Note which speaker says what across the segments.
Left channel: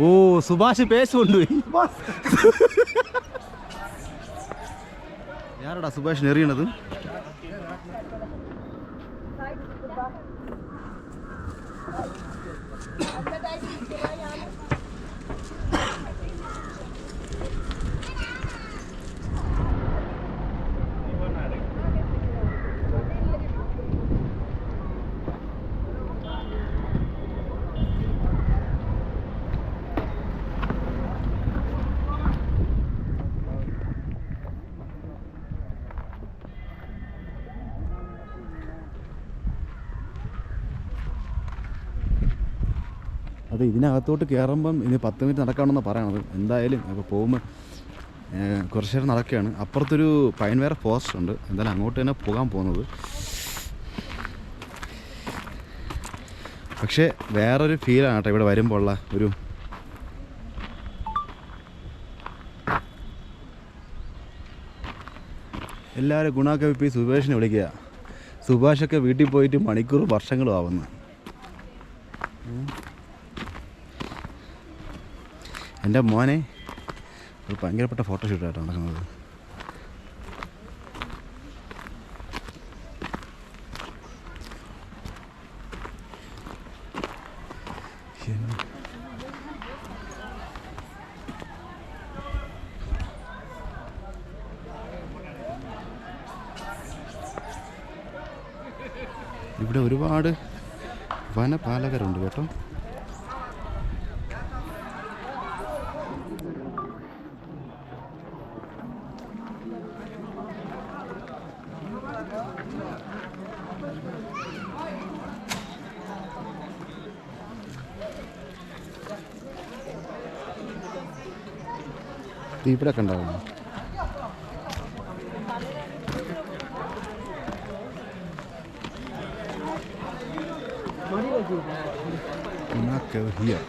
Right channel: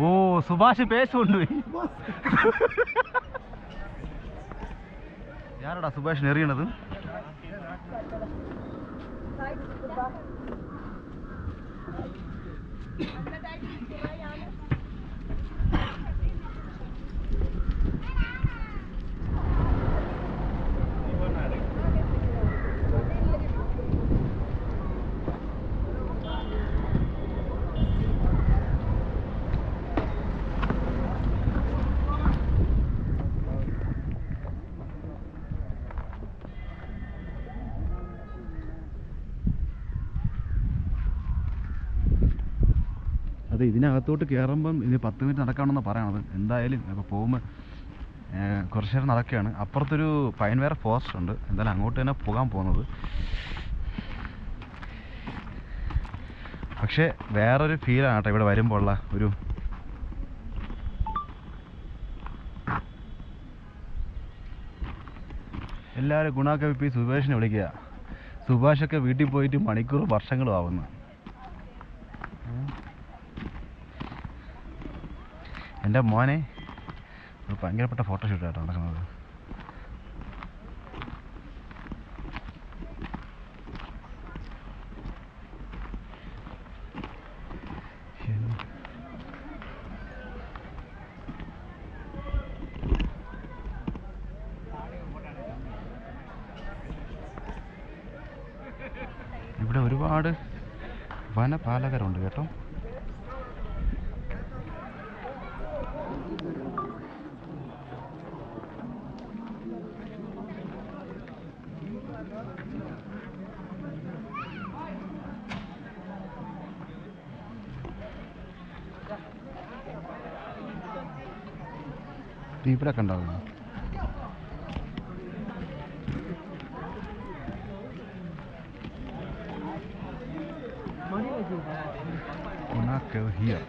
Speaker 1: ഓ സുഭാഷ് പേശുണ്ട് കൊണ്ടുപോയി Subhash എറിയണത് Thank you. അതെ ഇതിനകത്തോട്ട് കയറുമ്പം ഇനി പത്ത് മിനിറ്റ് നടക്കാണെന്ന് പറയണത്. എന്തായാലും അപ്പോൾ പോകുമ്പോൾ കുറച്ച് നേരം നടക്കുകയാണ്. അപ്പുറത്തൊരു പൈൻവേർ ഫോറസ്റ്റ് ഉണ്ട്. എന്തായാലും അങ്ങോട്ട് തന്നെ പോകാൻ പോകുന്നത്. പക്ഷേ വേറൊരു ഫീലാണ് കേട്ടോ ഇവിടെ വരുമ്പോൾ ഉള്ള ഒരു എല്ലാവരും ഗുണാക്കെ ഇപ്പോൾ സുഭാഷിനെ വിളിക്കുക. സുഭാഷൊക്കെ വീട്ടിൽ പോയിട്ട് മണിക്കൂർ വർഷങ്ങളും ആവുന്നു എന്റെ മോനെ ഒരു ഭയങ്കരപ്പെട്ട ഫോട്ടോഷൂട്ടായിട്ടോ നടക്കുന്നത്. ഇവിടെ ഒരുപാട് വനപാലകരുണ്ട് കേട്ടോ. ഇവിടെ ഒക്കെ ഉണ്ടാവും Not go here.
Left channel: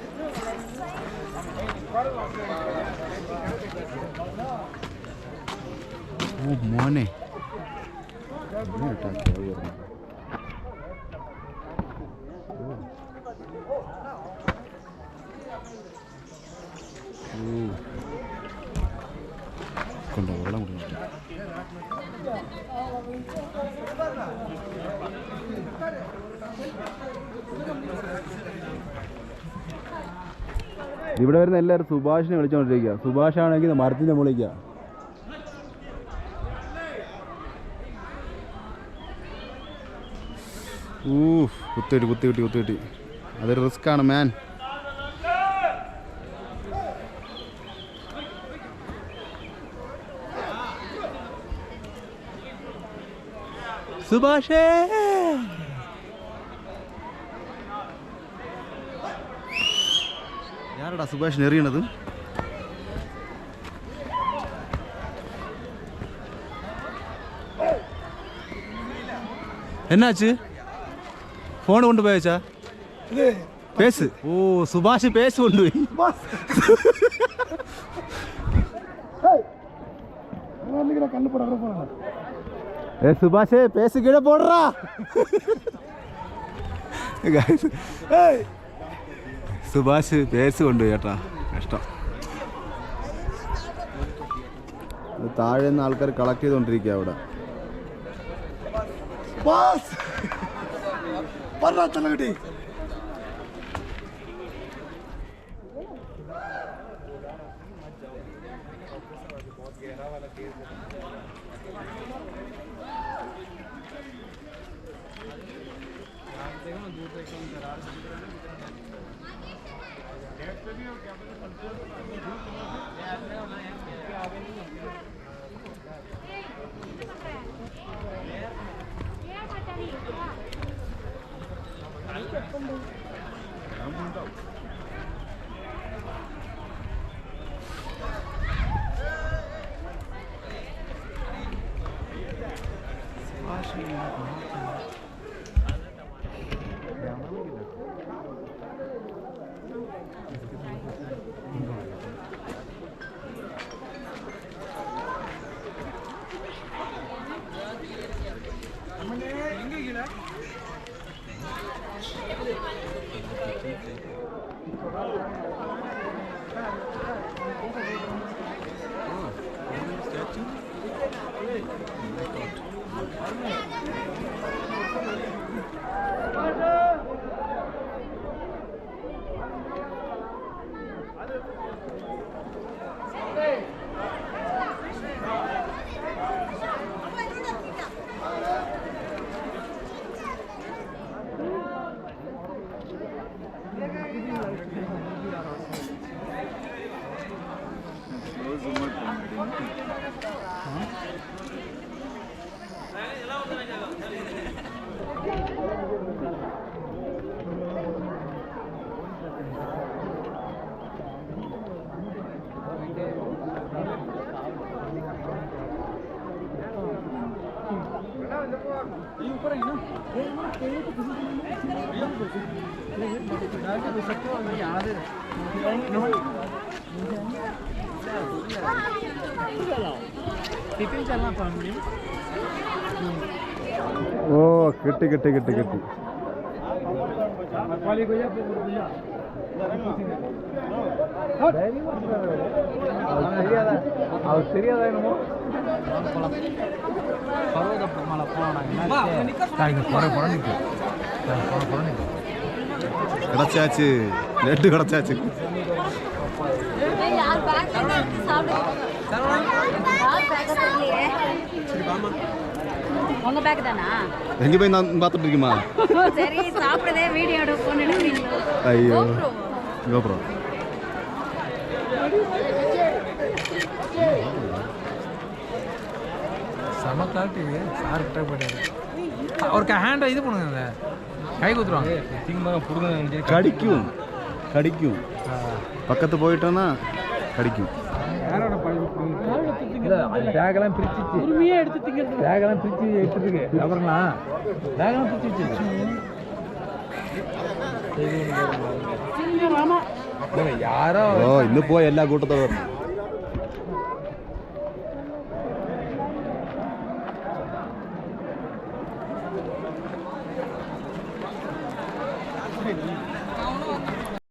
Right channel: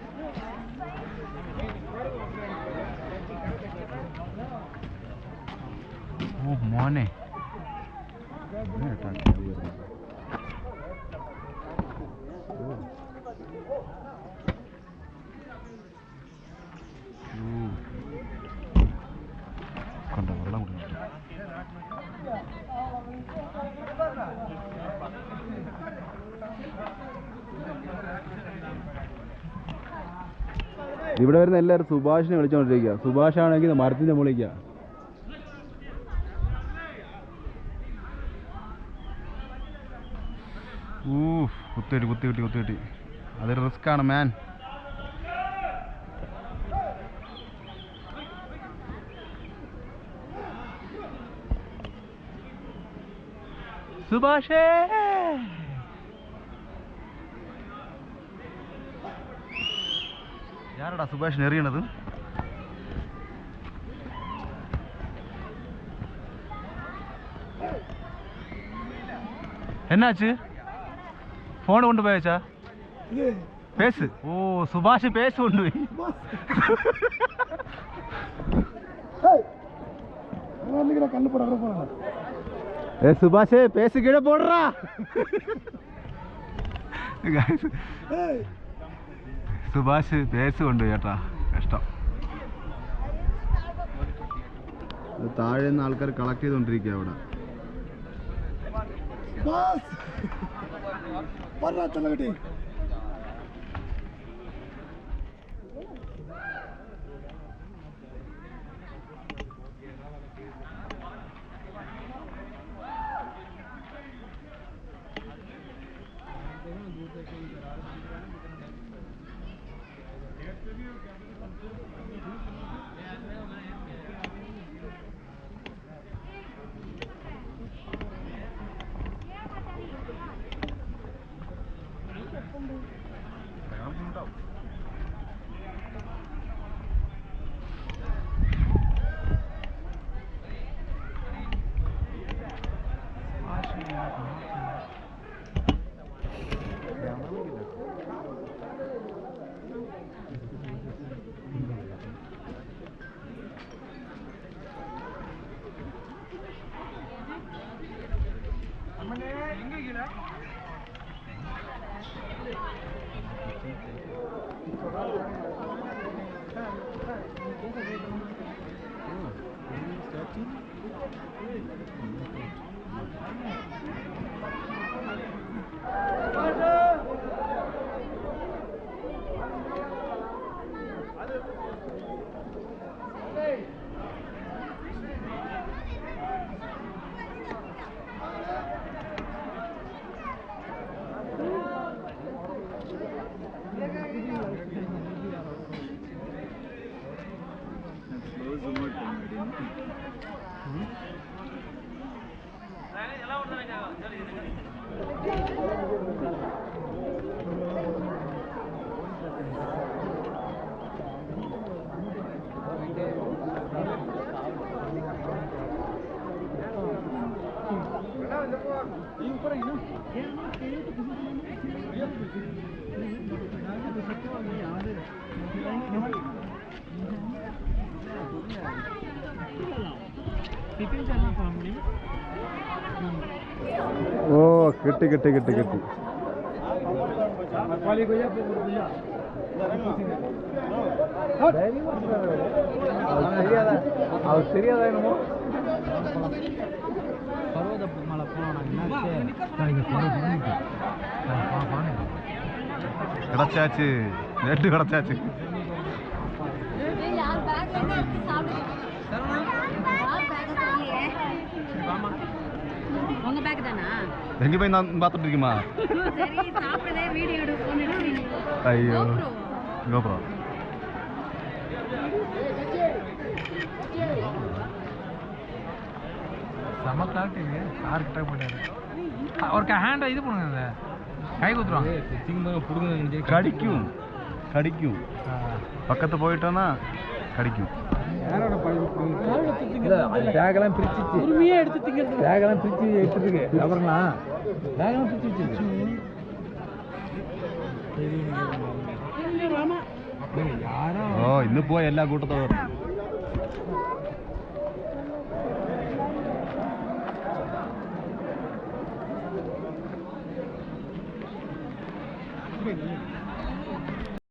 Speaker 1: Oh, മോനെ ഇവിടെ വരുന്ന എല്ലാവരും സുഭാഷിനെ വിളിച്ചോണ്ടിരിക്കുക. സുഭാഷ് ആണെങ്കിൽ മരത്തിന്റെ മുകളിലേക്കാ ഊ കുത്തിയിട്ട് കുത്തിയിട്ട് കുത്തിയിട്ട് അതൊരു റിസ്ക് ആണ് മാൻ சுபாஷே. யாரடா சுபாஷ் நெறியனது என்னாச்சு? ஃபோனை கொண்டு போய் வச்சா பேசு. ஓ சுபாஷ் பேசு கொண்டு போய்.
Speaker 2: கண்ணு போட போனாங்க
Speaker 1: ஏ சுபாஷே பேசிக்கிட போடுறா സുഭാഷ് പേസ് കൊണ്ട് കേട്ടാ ഇഷ്ടം താഴെ നിന്ന് ആൾക്കാർ കളക്ട് ചെയ്തുകൊണ്ടിരിക്കുക അവിടെ
Speaker 2: Thank you. देखो
Speaker 1: ना दूर से एकदम दरार से
Speaker 3: दिख रहा है ना कितना डैमेज पे भी और
Speaker 1: क्या पता चलते
Speaker 4: हो दूर से ये आ रहे हो ना एम पे आगे
Speaker 1: नहीं है। ஓ
Speaker 4: கெட்டு கெட்டு கெட்டு கெட்டு. அவர் தெரியாதா?
Speaker 1: என்னமோ?
Speaker 4: பர்வத
Speaker 1: மலை
Speaker 3: போனோம் நாங்கள் என்னாச்சு கிடைச்சாச்சு லெட்டு கிடைச்சாச்சு உங்க போய் நான் பாத்துட்டு இருக்கீமா? சரி சாப்பிடுதே வீடியோ எடு அவருக்கு ஹேண்டை இது பண்ணுங்க கை குத்துருவாங்க. திங்கமாக பிடுங்க
Speaker 1: கடிக்கும். கடிக்கும். பக்கத்து போயிட்டோன்னா கடிக்கும்.
Speaker 3: பேக்கெல்லாம் பிரிச்சு உரிமையா எடுத்து திங்கிறது. பேக்கெல்லாம் பிரிச்சு எடுத்துருக்கு அப்புறம்னா பேக்கெல்லாம் பிரிச்சு வச்சிருக்கு. யாரோ
Speaker 1: இன்னும் போய் என்ன கூட்டத்தை வரும்